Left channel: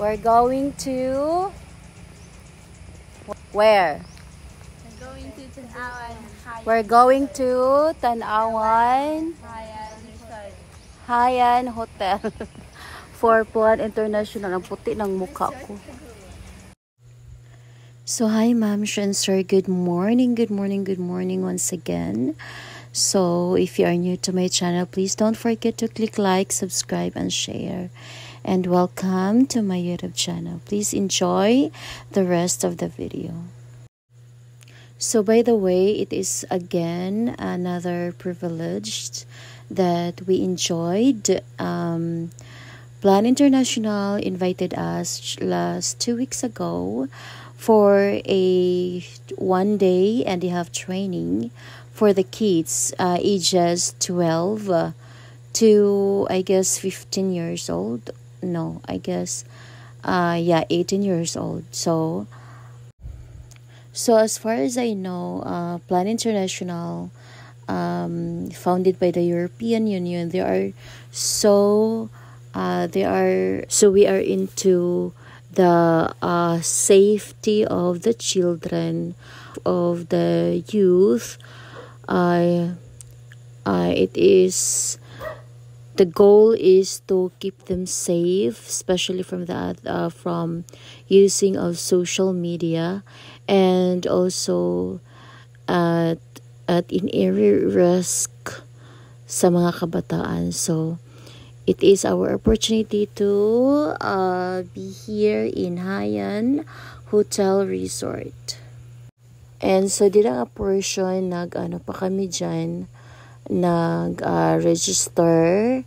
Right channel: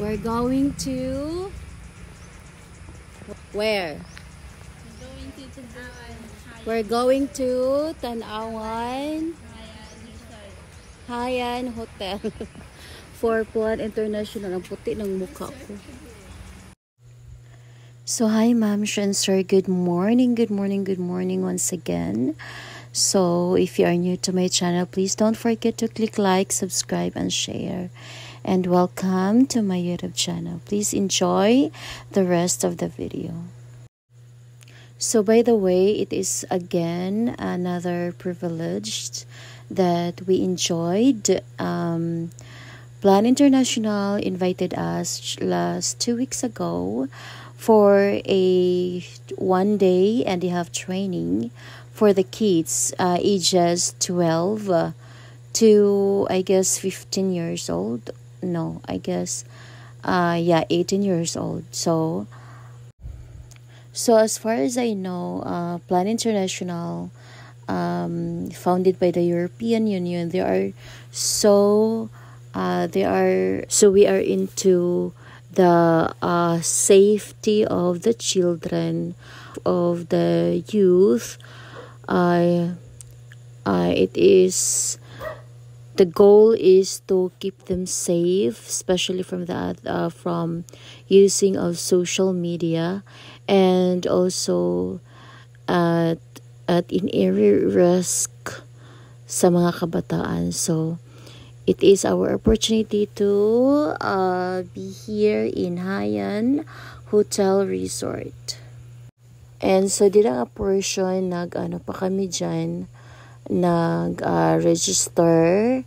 We're going to where? We're going to Tanawan Haiyan Hotel. 4-1 International. Ang puti ng mukha ko. So hi ma'am and sir, good morning once again. So if you are new to my channel, please don't forget to click like, subscribe and share. And welcome to my YouTube channel. Please enjoy the rest of the video. So by the way, it is again another privilege that we enjoyed. Plan International invited us last 2 weeks ago for a 1-day and a half training for the kids ages 12 to I guess 15 years old. No, I guess 18 years old. So as far as I know, Plan International, founded by the European Union, we are into the safety of the children, of the youth. The goal is to keep them safe, especially from from using of social media, and also at in area risk sa mga kabataan. So it is our opportunity to be here in Haiyan Hotel Resort. And so dito nga portion pa kami dyan register.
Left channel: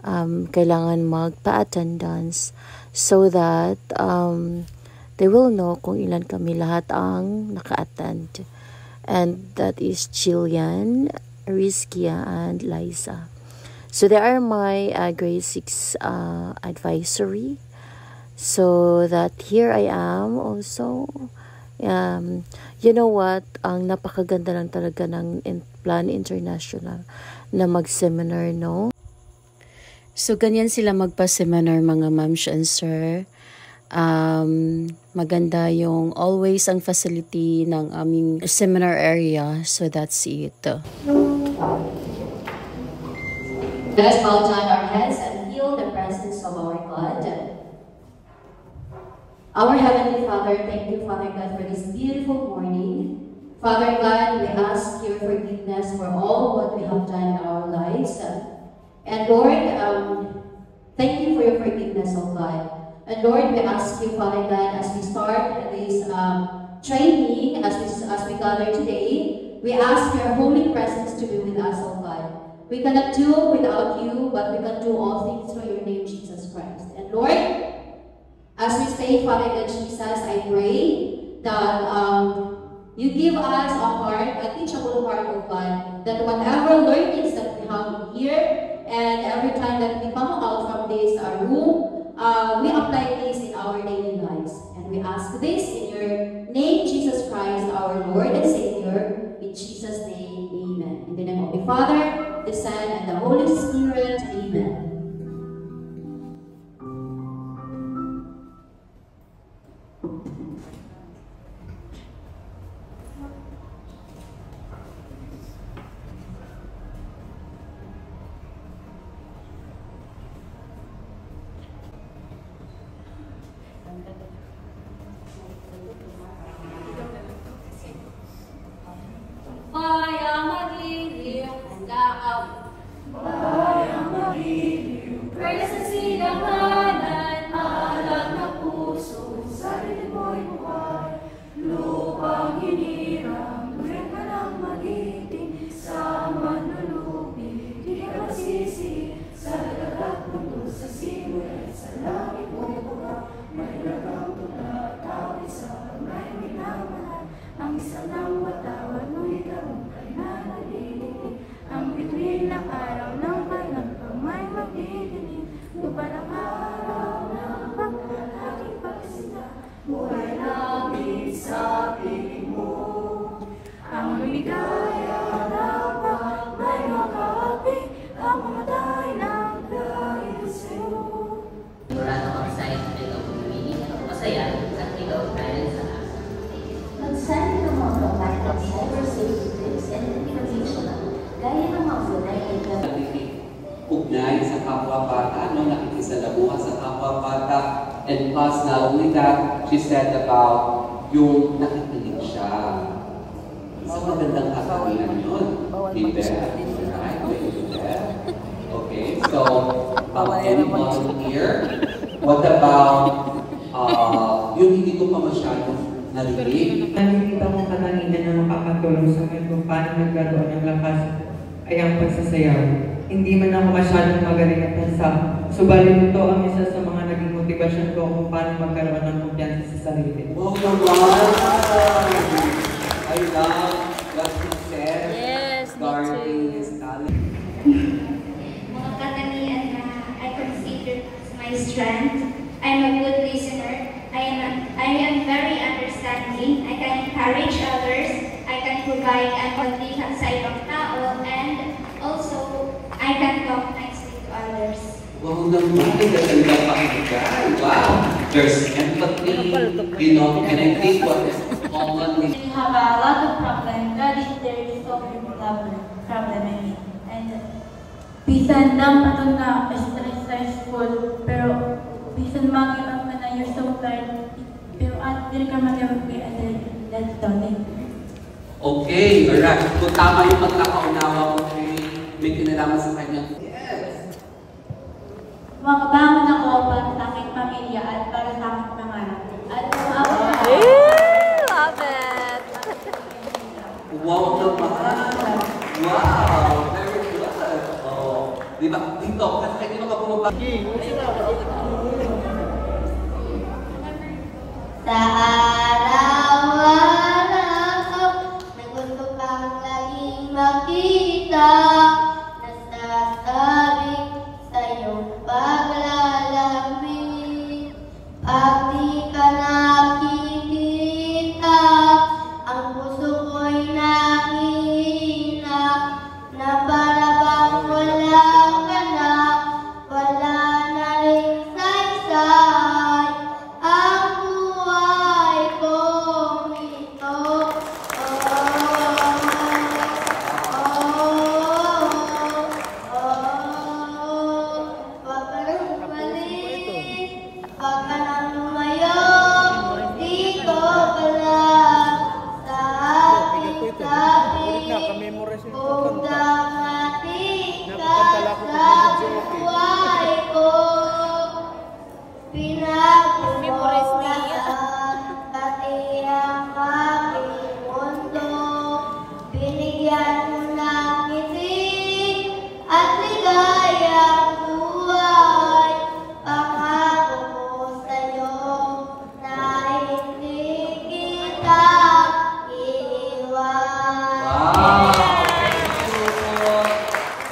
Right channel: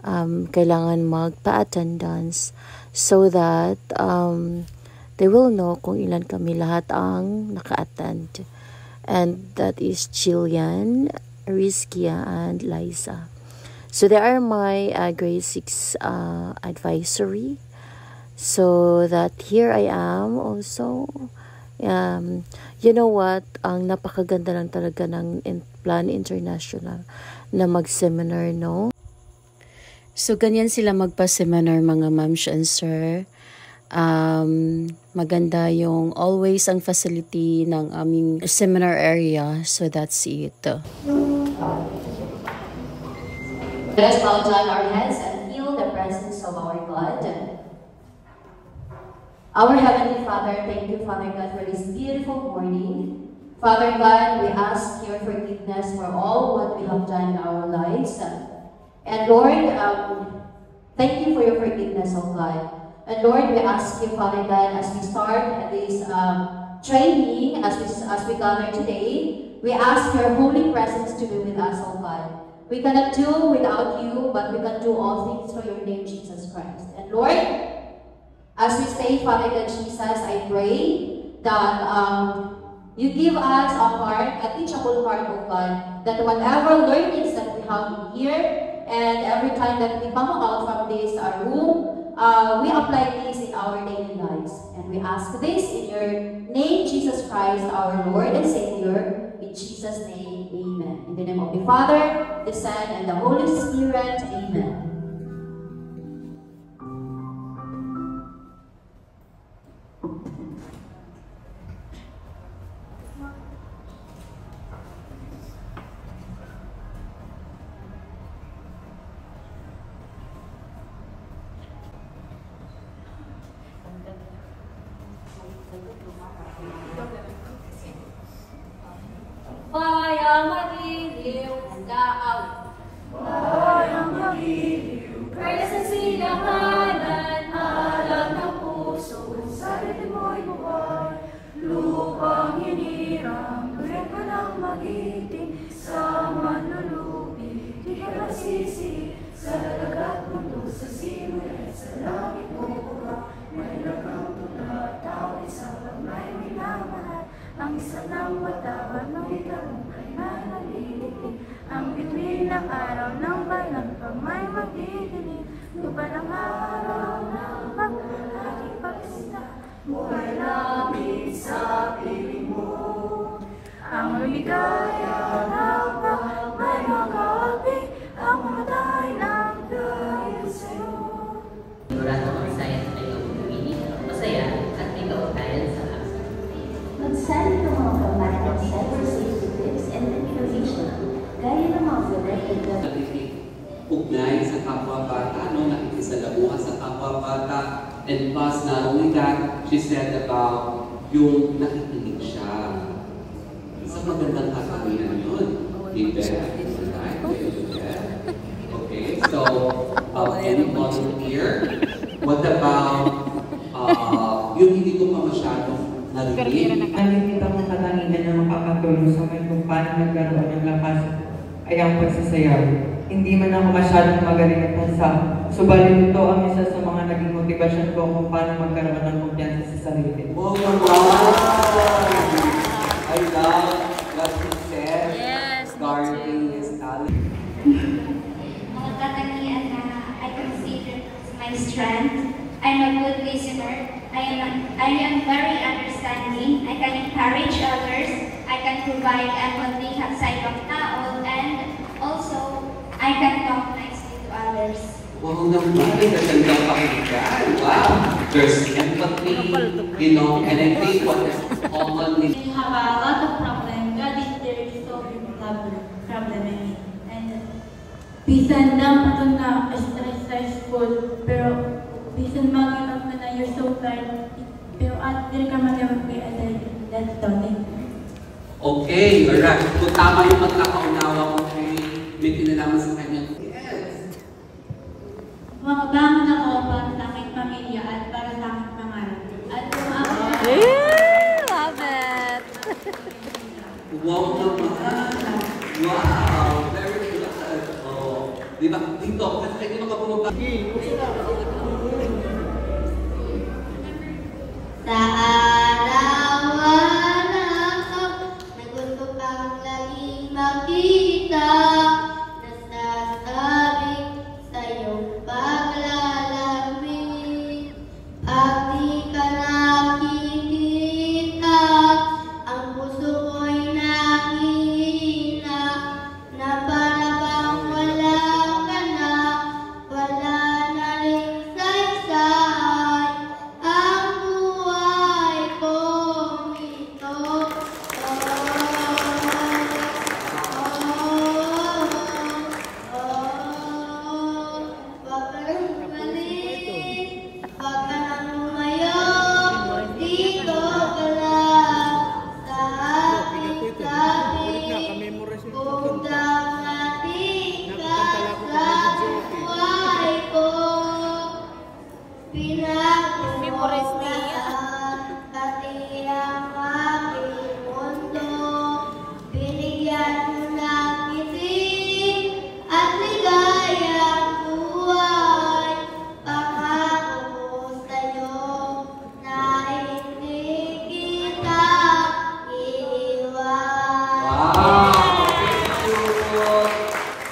Kailangan magpa-attendance so that they will know kung ilan kami lahat ang naka-attend. And that is Jillian, Rizkia, and Liza. So they are my grade 6 advisory. So that here I am also. You know what? Ang napakaganda lang talaga ng Plan International na mag-seminar, no? So ganyan sila magpa-seminar, mga ma'ams and sir. Maganda yung always ang facility ng aming seminar area. So that's it. Let us bow down our heads and feel the presence of our God. Our Heavenly Father, thank you, Father God, for this beautiful morning. Father God, we ask your forgiveness for all what we have done in our lives. And Lord, thank you for your forgiveness, oh God. And Lord, we ask you, Father God, as we start this training, as we gather today, we ask your holy presence to be with us, oh God. We cannot do without you, but we can do all things through your name, Jesus Christ. And Lord, as we say, Father God, Jesus, I pray that you give us a heart, a teachable heart, oh God, that whatever learnings that we have in here, and every time that we come out from this room, we apply this in our daily lives. And we ask this in your name, Jesus Christ, our Lord and Savior. In Jesus' name, amen. In the name of the Father, the Son, and the Holy Spirit, amen. Bayang magliliw ang daaw. Bayang magliliw, presang sinamanan, alam ng puso, sarili mo'y buhay. Lupang hinirang, tuwing ka nang magiting, sa manlulupi, di ka sisi, sa dagat mundo, sa siwet, sa langit mo buha, may lagang tula, tawid sa may minamahal. Ang isa ng matawan ng ikarong ay nanalilig. Ang bituin ng araw ng balang pang may magdidilig. Lupa ng araw ng pag-aking pagsita. Buhay langit sa piling mo. Ang lumigaya ng may magabi. Ang matay ng dahil sa'yo. Sigurado kami sa ito And plus, not only that, she said about yung nakikinig siya. Isang magandang kasabihan yun. Okay, so, any volunteer? What about yung hindi ko pa masyadong narinig? Nakikita ko katangian na makakatulong sa akin kung paano nagkaroon ng lakas ay ang pagsasayaw. Hindi man ako masyadong magaling at tansa, subalit ito ang isa sa mga naging motivasyon ko kung paano magkaroon ng kumpiyansa sa sarili. Oh wow! I love what she said. Yes, Darling is talent. Mga katangian na I consider my strength. I'm a good listener. I am very understanding. I can encourage others. I can provide empathy sa ibang tao. And also, I can talk nicely to others. Wow naman, ganda pakinggan. Wow! There's empathy, you know, and I think what is common with... When you have a lot of problems, God is there to solve your problem, I mean. And bisan lang patong na stressful, pero bisan mag-iwan ka na you're so tired, pero at dili ka mag-iwan kay Adel, that's done. Okay, alright. Kung tama yung pagkakaunawa ko, may kinalaman sa kanya. Yes! Makabangon ako para sa aking pamilya at para sa aking pangarap. At kung ako Love it! Wow naman! Wow! Very good! Oh, di ba? Dito, kasi hindi mo ka bumabagi. Sa araw-araw, nagusto kang laging makita, nasasabi sa iyong paglalamig. Pag di ka nakikita, ang puso ko'y nakihina, na para bang wala ka na, wala na rin saysay. Ang buhay kong ito, wag ka nang umalis, wag ka nang lumayo, dito ka lang sa ating tabi. Kung damati ka sa buhay ko, Memorize niya. pati ang aking mundo, binigyan mo ng ngiti at ligayang buhay. Pangako ko sa'yo na hindi kita iiwan. Wow!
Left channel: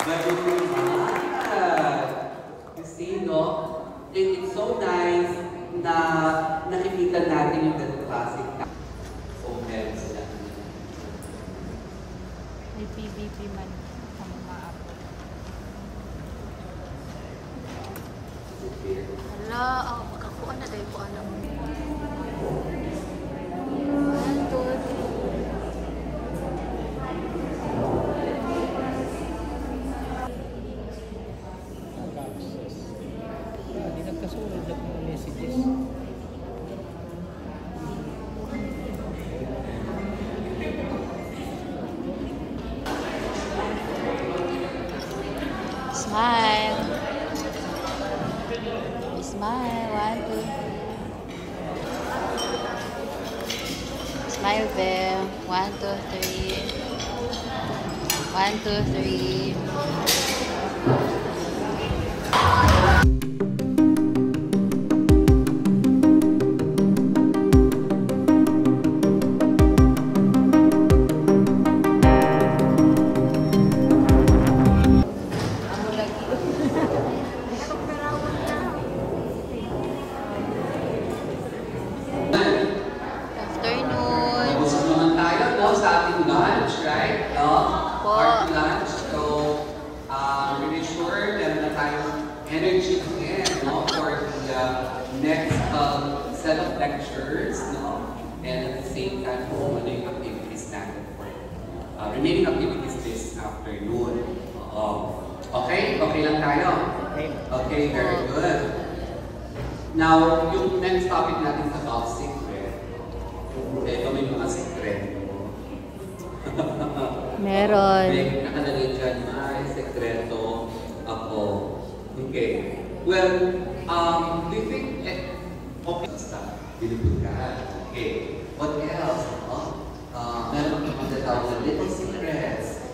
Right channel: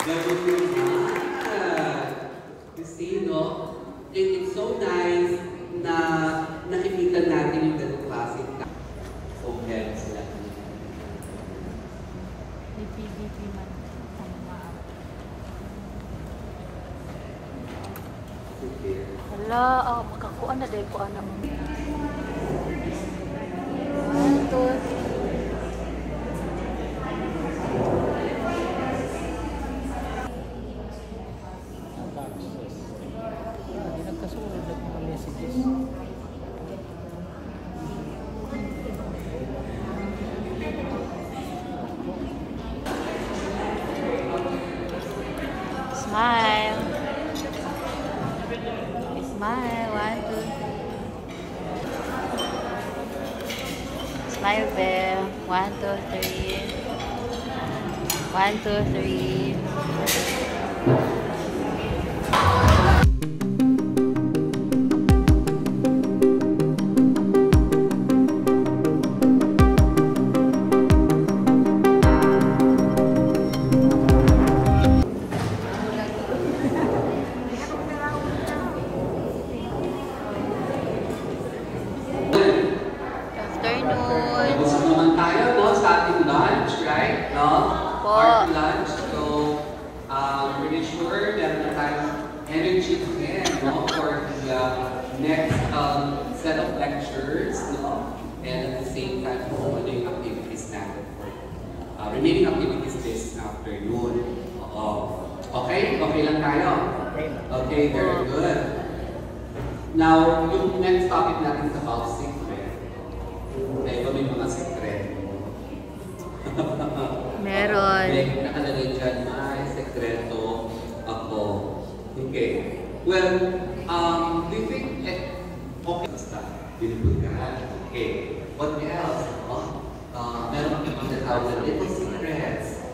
Very good. Kasi, no, it's so nice na nakikita natin yung ganung classic na kung meron sila. May PVP man. Hala, magkakuan na dahil kuan na. Smile. Smile. 1, 2. Smile there. 1, 2, 3. 1, 2, 3. Busog naman tayo, no, sa ating lunch, right? No? Our lunch. So, really sure that tayong energy again, no, for the next set of lectures, no? And at the same time, ano yung activities natin for remaining activities this afternoon. Oo. Okay? Okay lang tayo? Okay, very good. Now, yung next topic natin is about secret. Ito may mga secret. Meron. May nakalagay dyan, may sekreto ako. Okay. Well, do you think, okay, basta, binibulgahan. Okay. What else? Meron akong tinatawag na little secrets.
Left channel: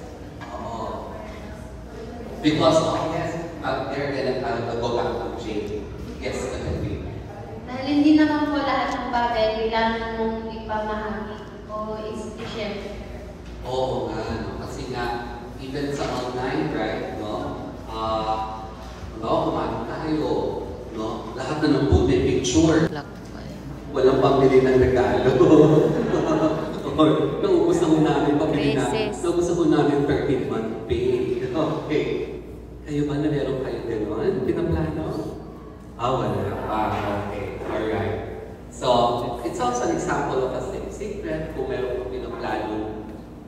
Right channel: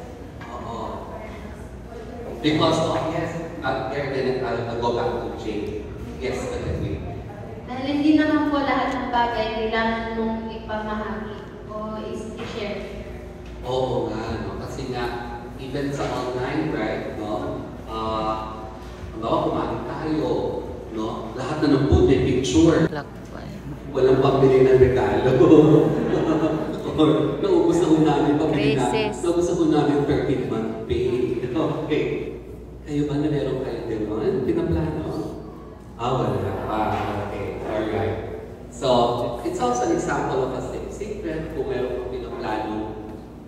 Because of, yes, they're gonna go back to jail. Yes, agree. Dahil hindi naman po lahat ng bagay kailangan mong ipamahagi o i-share. Oo nga, no? Kasi nga, even sa online, right, no? Kumain tayo, no? Lahat na ng food may picture. Walang pambili ng regalo. Or, naubos na ho namin pambili na. Naubos na ho namin per month pay. Okay. Kayo ba na meron kayo gano'n? Pinaplano? Wala pa. Okay. Alright. So, it's also an example of a secret kung meron kang pinaplano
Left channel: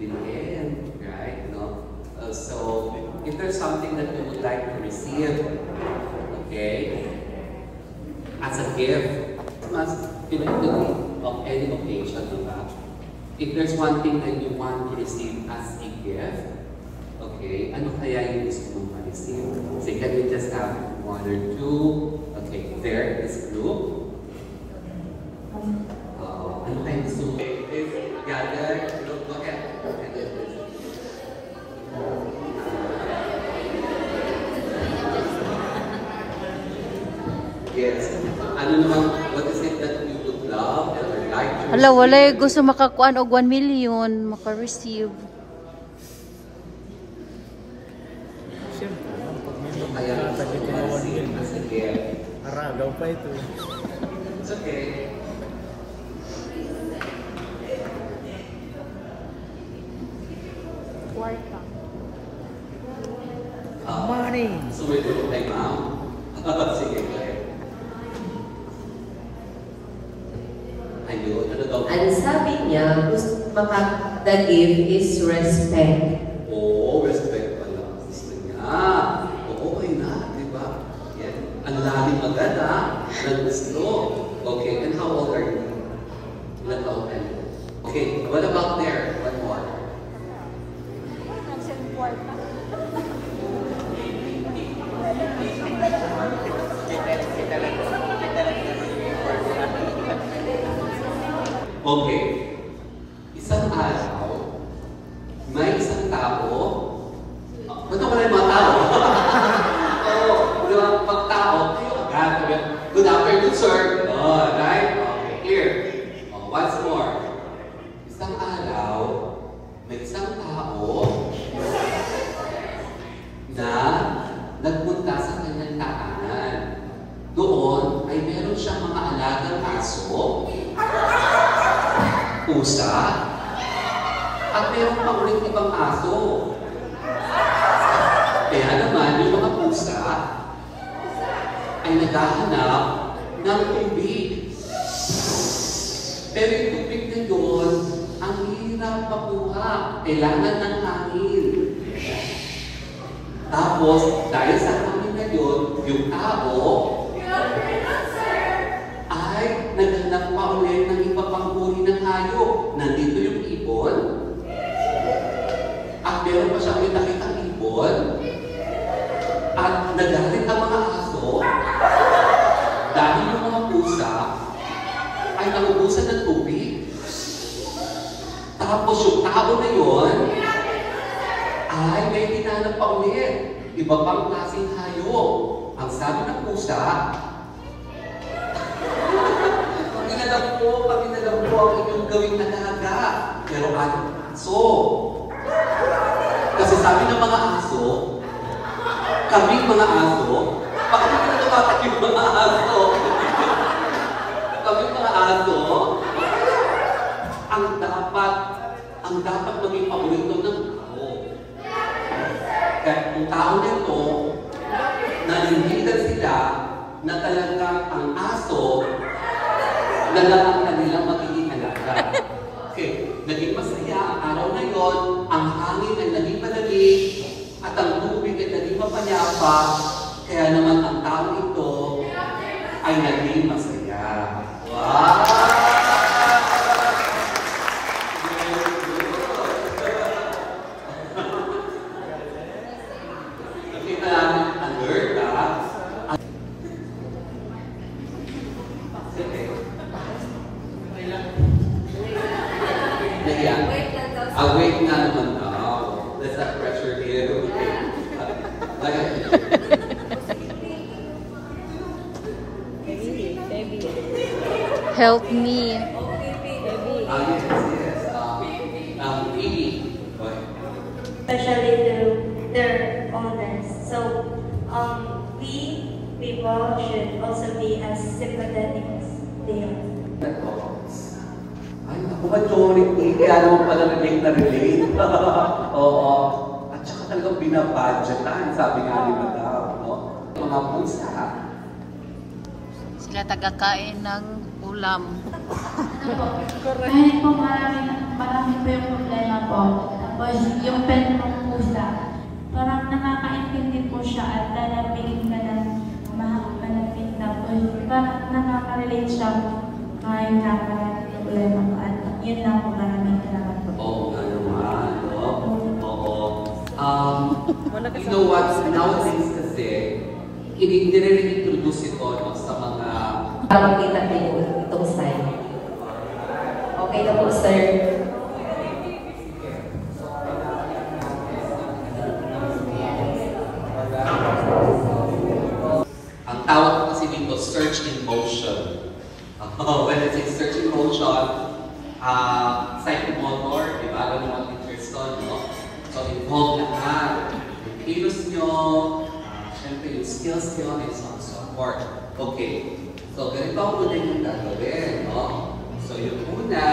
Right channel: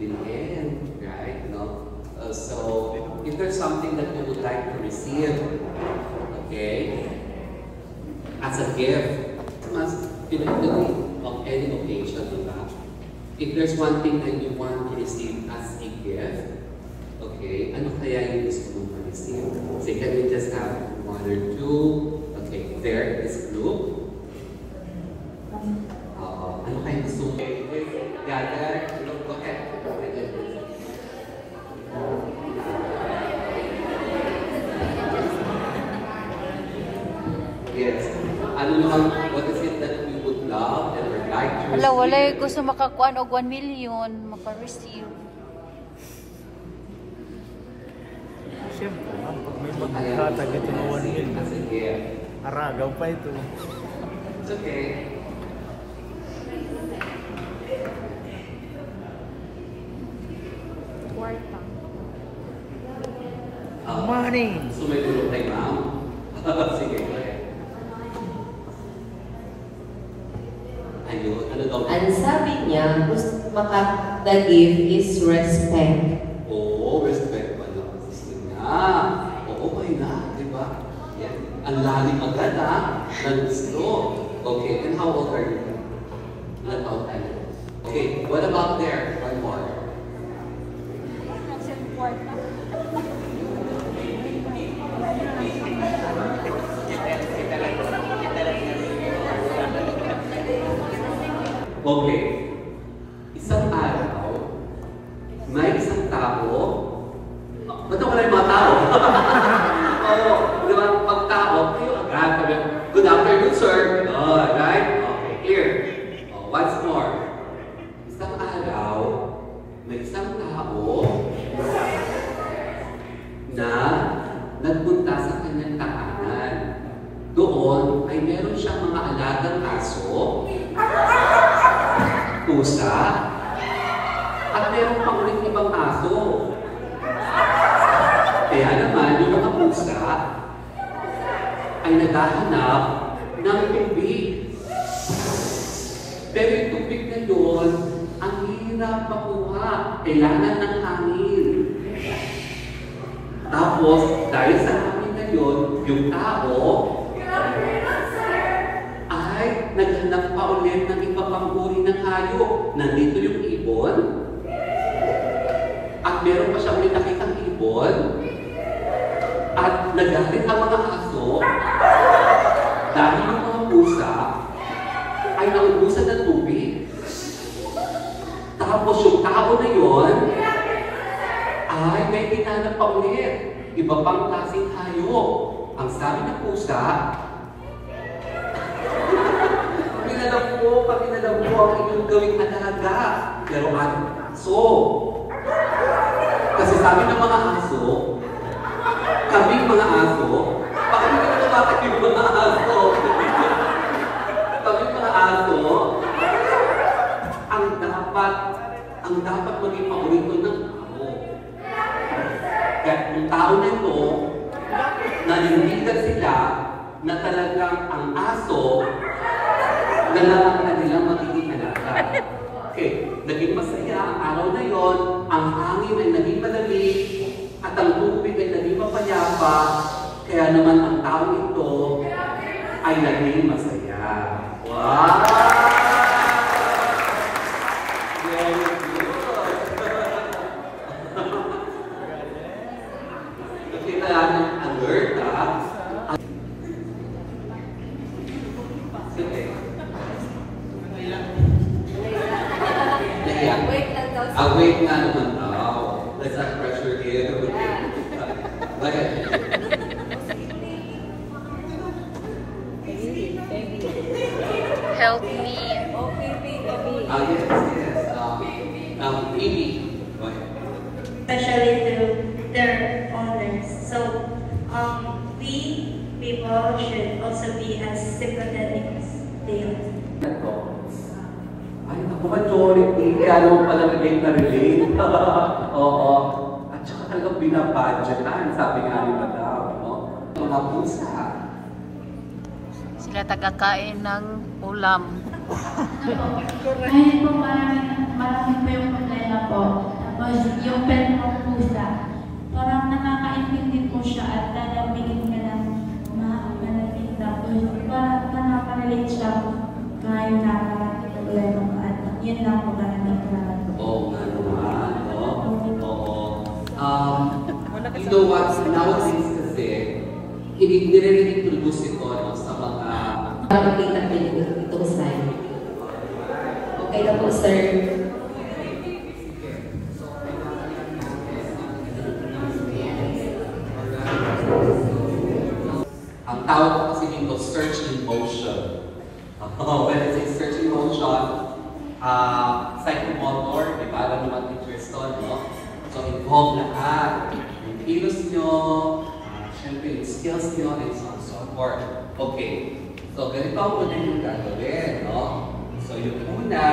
bilhin, right? No? So, if there's something that you would like to receive, okay, as a gift, must eventually of any occasion, diba? If there's one thing that you want to receive as a gift, okay, ano kaya yung gusto mong ma-receive? So, can we just have one or two? Okay, there is blue. Ano kaya gusto mo? Gather, go ahead. Yes. Ano naman, what is it that you would love and would like to receive? Wala, gusto makakuan og 1 million, maka-receive. Kata dito na 1 million. Sige. Aragaw pa ito. It's okay. Money! Sumilip kay ma'am. Sige, okay. Ayun, ano daw? Ang sabi niya, the gift is respect. Oo, respect pala. Gusto niya. Oo, why not? Diba? Yan. Ang lalim agad, ha? Siya gusto. Okay, and how old are you? Not old, I know. Okay, what about there? One more. Okay. Isang araw, may isang tao. Ba't ako na yung mga tao? Oo, di ba? Pag tao, kayo agad. Good afternoon, sir. Oh, right? Okay, here. Once more. Isang araw, may isang tao na nagpunta sa kanyang tahanan. Doon ay meron siyang mga alagang aso, pusa, at meron pang ulit ibang aso. Kaya naman, yung mga pusa ay naghahanap ng tubig. Pero yung tubig na yun, ang hirap makuha. Kailangan ng hangin. Tapos, dahil sa hangin na yun, yung tao ay naghanap pa ulit ng iba pang uri ng hayop. Nandito yung ibon. At meron pa siya ulit nakitang ibon. At nagalit ang mga aso dahil yung mga pusa ay naubusan ng tubig. Tapos yung tao na yun ay may hinanap pa ulit. Iba pang klaseng hayop. Ang sabi ng pusa, Paminalam po ang inyong gawing alaga. Pero ano aso? Kasi sabi ng mga aso, kaming mga aso, bakit hindi na bakit yung mga aso? Kaming mga aso, ang dapat maging paborito ng tao. Kaya kung tao nito, nanindigan sila na talagang ang aso na lang ang kanilang magiging alaga. Okay, naging masaya ang araw na yon, ang hangin ay naging malamig, at ang tubig ay naging mapayapa, kaya naman ang tao ito ay naging masaya. Wow! Very good. Nakita namin alert, ha? Sige. Awake nga naman daw. Let's not pressure it. Okay. Help me. Baby. Especially to their owners. So, we people should also be as sympathetic as they are. Ay, ako majority. Kaya naman pala relate na relate. Oo. At saka talagang binabudgetan, sabi nga ni Madam. No? Mga pusa. Sila tagakain ng ulam. Kahit po marami po yung problema po. Tapos yung pet po pusa, parang nakakaintindi po siya at lalapigin ka ng malapit. Tapos parang nakaka-relate siya kahit nakaka-relate ng problema po. At yun lang po maraming salamat po. Oo, ano nga, no? Oo. You know what, nowadays kasi, hindi rin introduce ito no, sa mga... Makikita din itong sign. Okay na po, sir. Ang tawag ko kasi dito, search in motion. When I say search in motion, psychomotor, di ba? Alam naman teachers to, no? So, involve lahat. Yung kilos nyo, syempre yung skills nyo, and so on and so forth. Okay. So, ganito ako din yung gagawin, no? So, yung una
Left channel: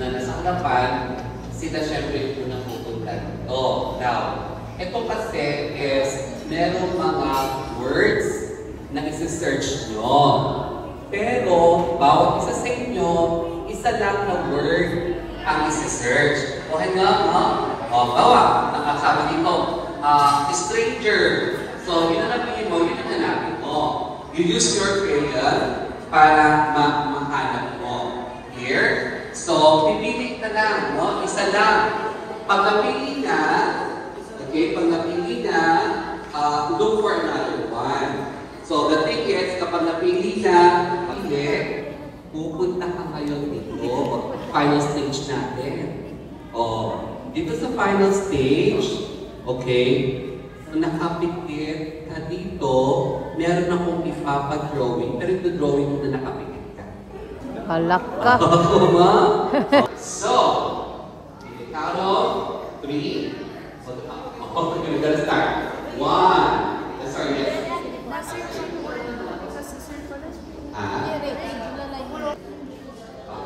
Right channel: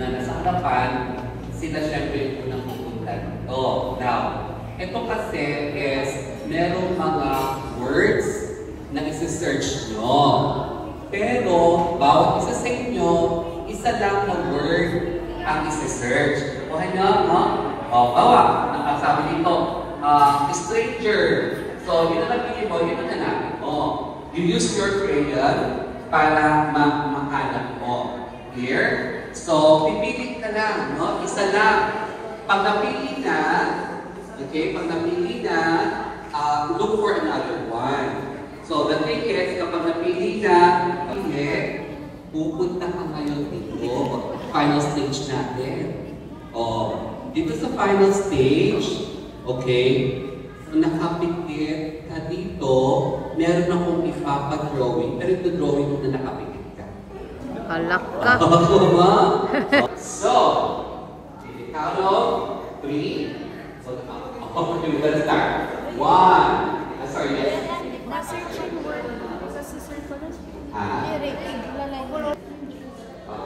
na nasa harapan, sila syempre yung unang pupunta dito. Now, ito kasi is merong mga words na isi-search nyo. Pero, bawat isa sa inyo, isa lang na word ang isi-search. Okay nga, no? O, bawa, nakasabi dito, stranger. So, yun na napili mo, yun na natin mo. You use your crayon para mahanap mo. Here. So, pipili ka lang, no? Isa lang. Pag napili na, okay, pag napili na, look for another one. So, the thing is, kapag napili na, pupunta ka ngayon dito. Final stage natin. Dito sa final stage, okay, nakapikit ka dito, meron akong ipapa-drawing, pero ito drawing mo na nakapikit ka. Alak ka. So, in the count of 3. Okay, we're gonna start. 1. Sorry, yes.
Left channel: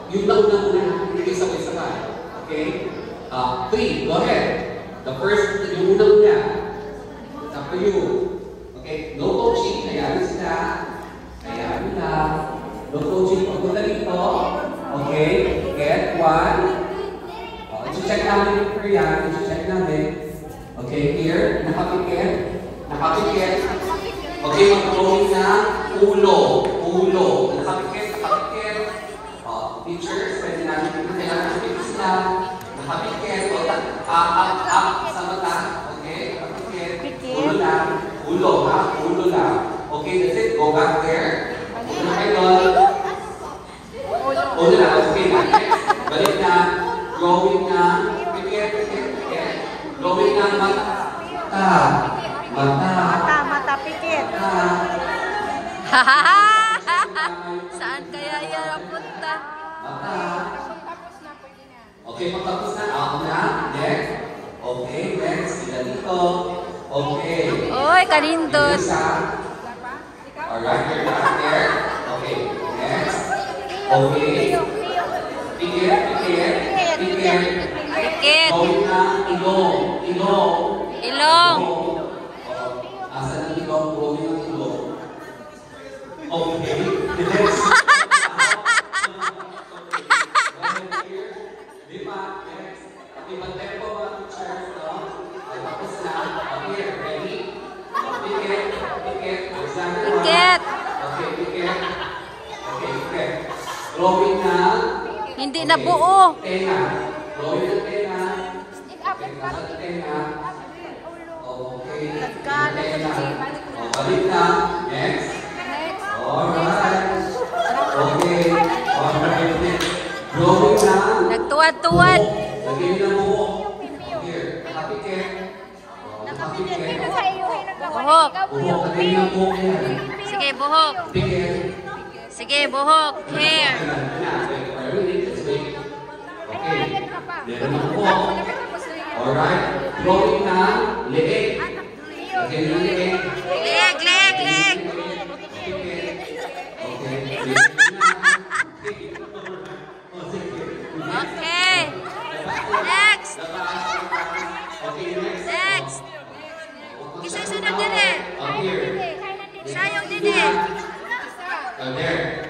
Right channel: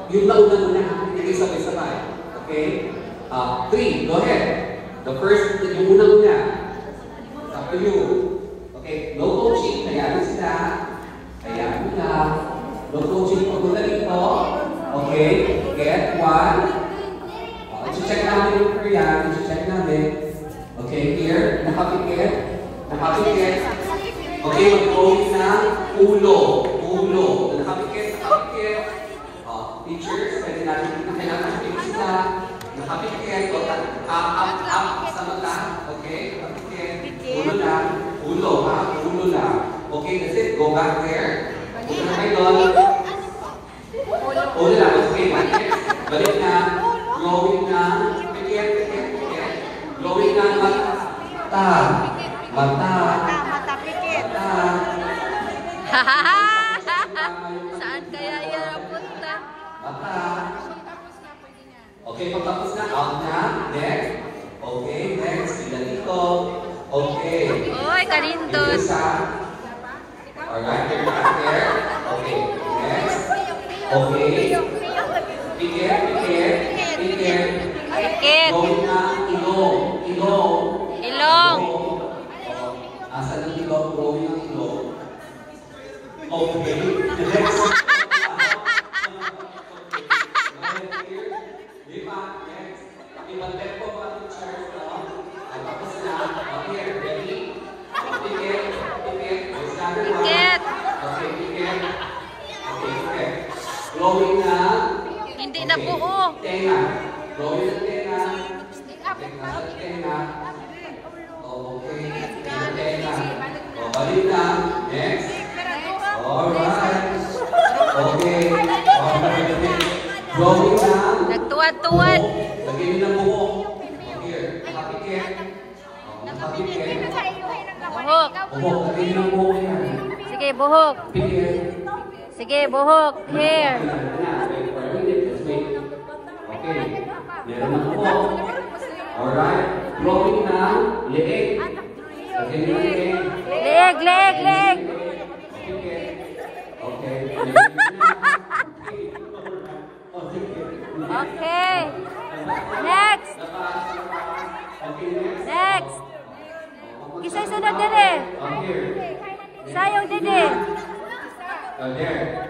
Yung una-una, hindi sabay-sabay. Okay? 3. Go ahead. The first, yung una-una. It's up to you. Okay? No coaching. Hayaan sila. Hayaan nila. No coaching. Pagpunta dito. Okay? Get 1. I-check namin yung Korean. I-check namin. Okay? Here. Nakapikit. Nakapikit. Okay? Mag-going na ulo. Ulo. Nakapikit. Nakapikit. Teachers, pwede namin kailangan sila. Nakapikit. Up sa mata. Okay? Nakapikit. Ulo lang. Ulo ha? Ulo lang. Okay, that's it. Go back there. Ulo na kayo. Ulo lang. Okay, next. Balik na. Growing na. Pikit. Pikit. Growing na mata. Mata. Mata, pikit. Saan kaya yan punta? Mata. Okay, pagtapos na. Out na. Next. Okay, next. Sila dito. Okay. Oy, kanindot. Alright, you're back there. Okay, next. Okay. Pikit, pikit, pikit. Pikit. Gawin na ilong. Ilong. Ilong. Asan ang ilong? Gawin ang ilong. Okay. Next. Lima. Next. Ibalik po mga teachers, no? Tapos na. Okay, ready? Pikit. Pikit. Pikit. Okay. Drawing na. Hindi na buo. Tenga. Drawing na tenga. Tenga sa tenga. Okay. Tenga. O, balik na. Next. Alright. Okay. Alright. Drawing na. Nagtuwad-tuwad. Lagyan nyo ng buhok. Here. Nakapikit. Nakapikit. Buhok. Buhok. Lagyan nyo ng buhok yan. Sige, buhok. Pikit. Sige, buhok. Hair. Okay. Meron na po. Alright. Drawing na. Leeg. Lagyan nyo ng leeg. Leg, leg, leg. Okay. Okay. Next. Next. Isusunod din eh. Sayong din eh.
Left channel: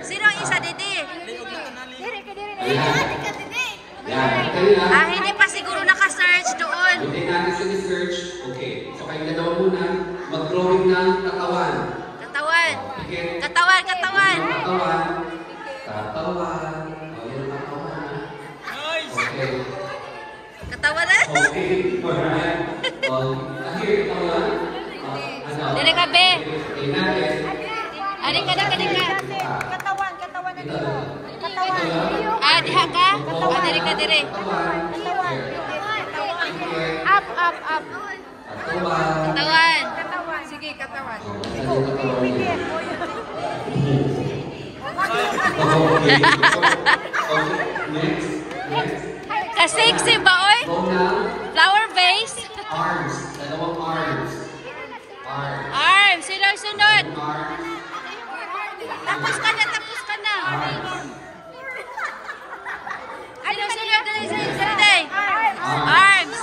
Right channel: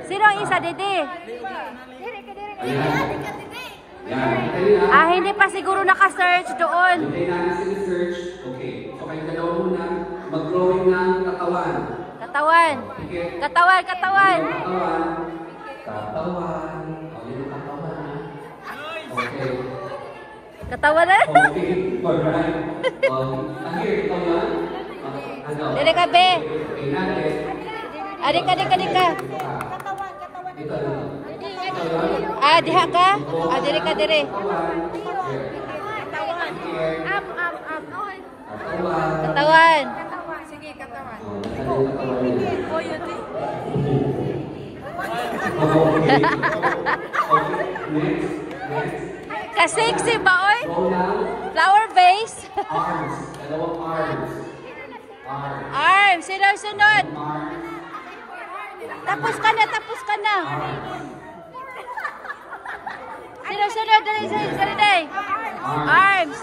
Sino ang isa didi? Ah, hindi pa siguro naka-search doon. Hindi natin sini-search. Okay. So kayo dalawa muna. Mag-drawing ng katawan. Katawan. Katawan, katawan. Katawan. Katawan. O, yun ang katawan. Okay. Katawan na. Okay. Alright. Here, katawan. Dili ka, be. Okay, natin. Adik ka, adik ka, adik ka. Ito. Ah, diha ka? Ah, diri ka, diri. Katawan. Sige, katawan. Ka-sexy ba, oy? Flower vase. Arms. Dalawang arms. Arms. Arms. Sunod-sunod. Arms. Tapos ka na, tapos ka na. Sunod-sunod. Dali. Arms.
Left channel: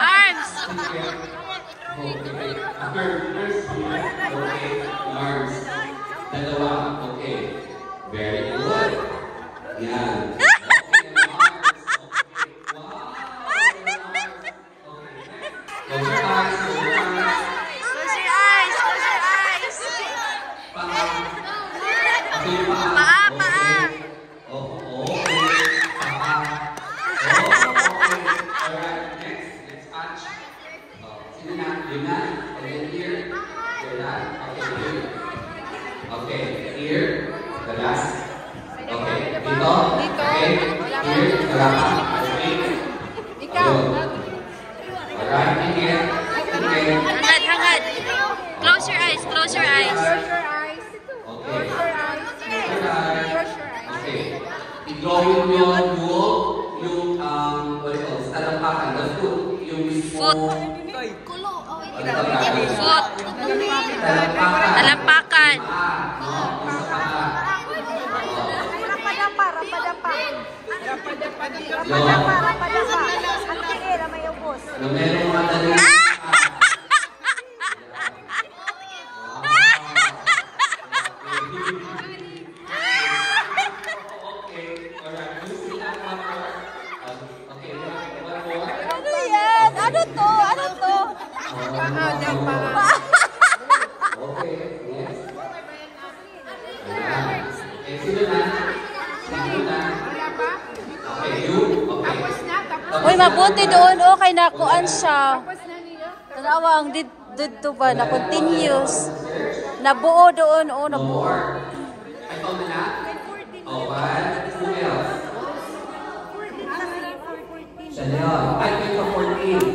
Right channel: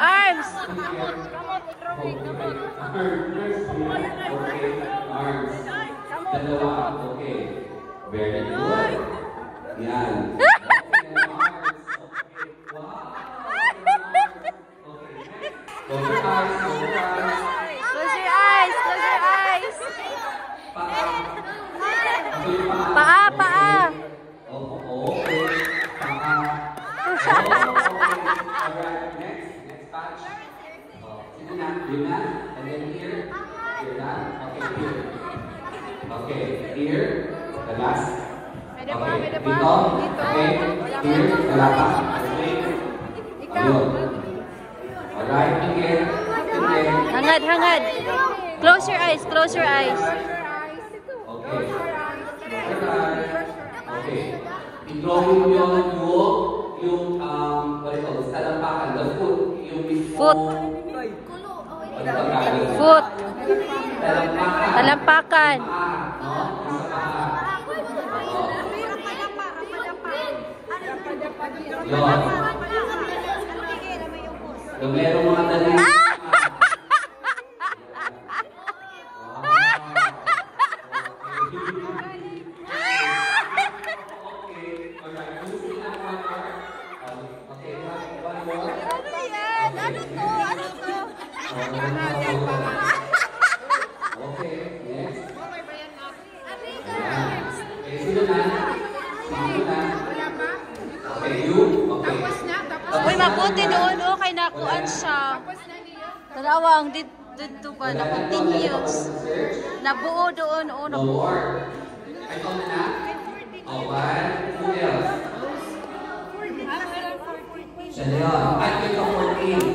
Arms. Okay. Arms. Dalawa. Okay. Very good. Yan. Close your eyes. Close your eyes. Paa, paa. Next patch. Sino na? Yun na. And then here. Yun na. Okay, here. The last. Okay. Dito. Okay. Here. Wala pa. Okay. Ayun. Alright. Here. Okay. Hangad. Close your eyes. Close your eyes. Okay. Okay. I-drawing nyo yung what do you call it? Talampakan. The foot. Yung Foot. Foot. Talampakan. Ano to? Uy, mabuti doon. Okay, nakuan siya. Tanawang dito ba? Na-continuous. Nabuo doon. Oh, nabuo. Chanel. I think of 14.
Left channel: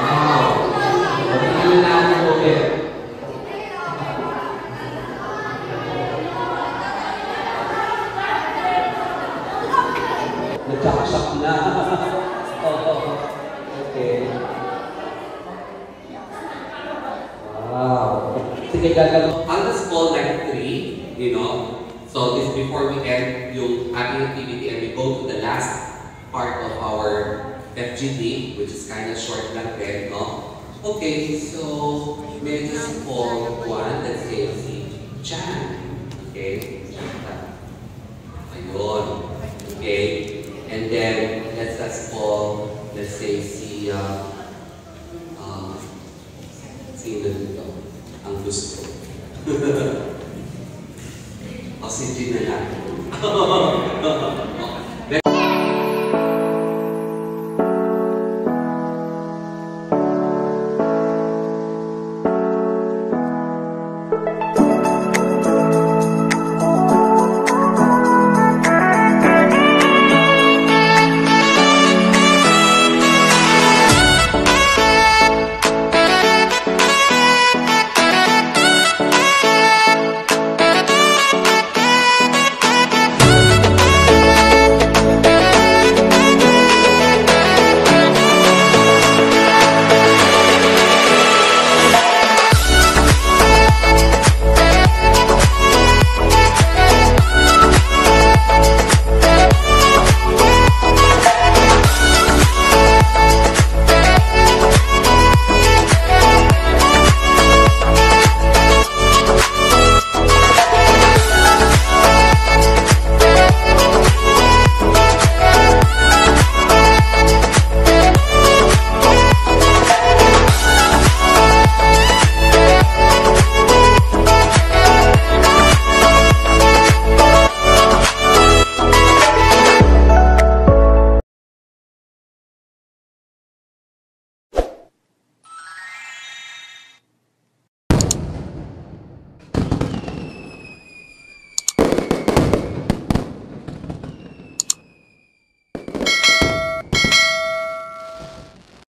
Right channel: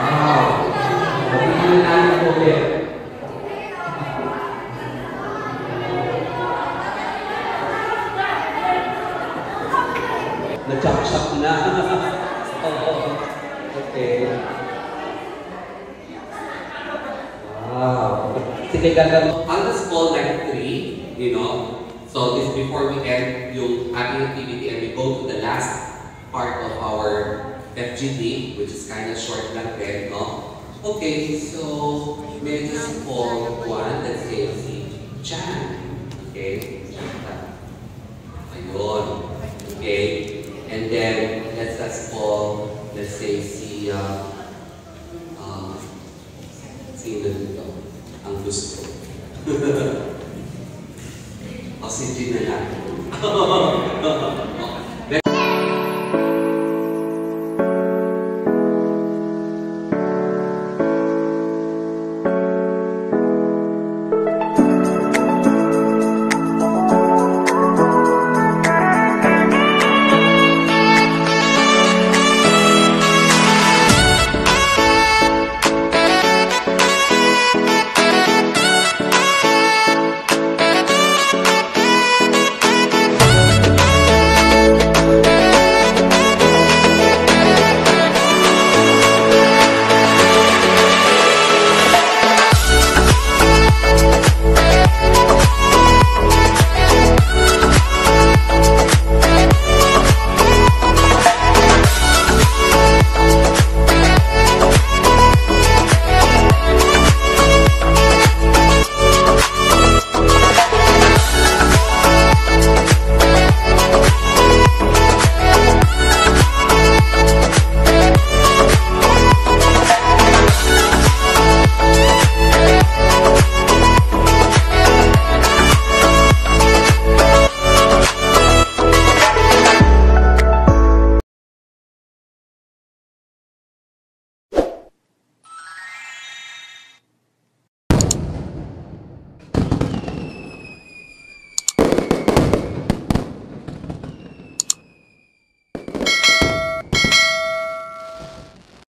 Wow. Pagiging namin po din. Nag-chak-chak na. Okay. Wow. Sige, gagawin. I'll just call like 3, you know. So this before we end yung ating activity and we go to the last part of our FGD, which is kind of short lang din, no? Okay, so may just call one, let's say si Chan. Okay, Chan. Ayun. Okay, and then let's just call, let's say si sino dito? Ang gusto. Si Jean na lang.